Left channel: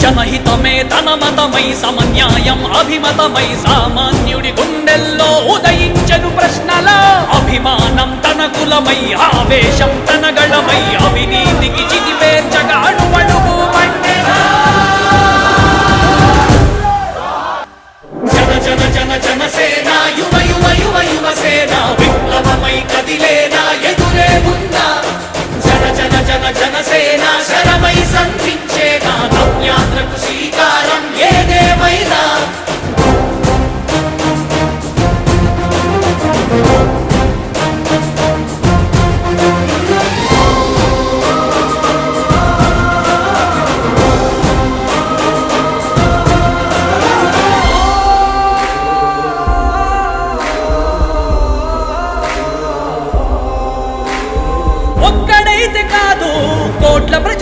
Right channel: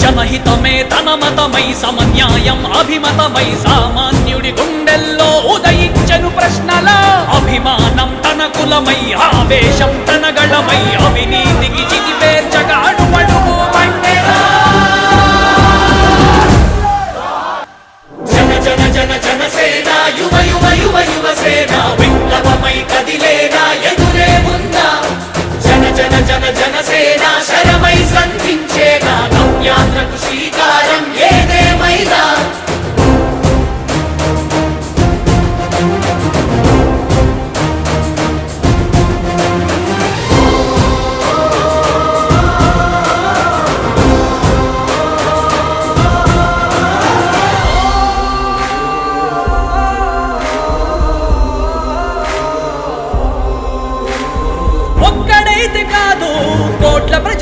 జనహితమే తన మతమై సమన్యాయం అభిమతమై సామాన్యుడి గుండెల్లో ఉదయించను ప్రశ్నల అభిమానం తన కులమై ఆవేశం తన గళమై అవినీతికి చితి జన జన జన జన సేన శరమై సంధించేనా నవ్యాంధ్రకు శ్రీకారం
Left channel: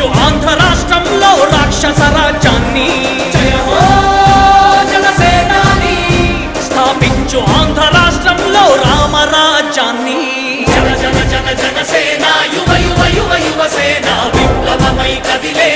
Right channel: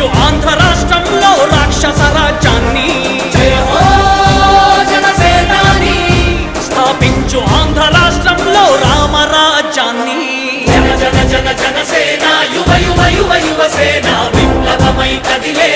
తొలగించు ఆంధ్ర రాష్ట్రంలో రాక్షస రాజ్యాన్ని. స్థాపించు ఆంధ్ర రాష్ట్రంలో రామరాజ్యాన్ని జన జన జన జనసేన యువ యువ యువ యువ సేన విప్లవమై కదిలే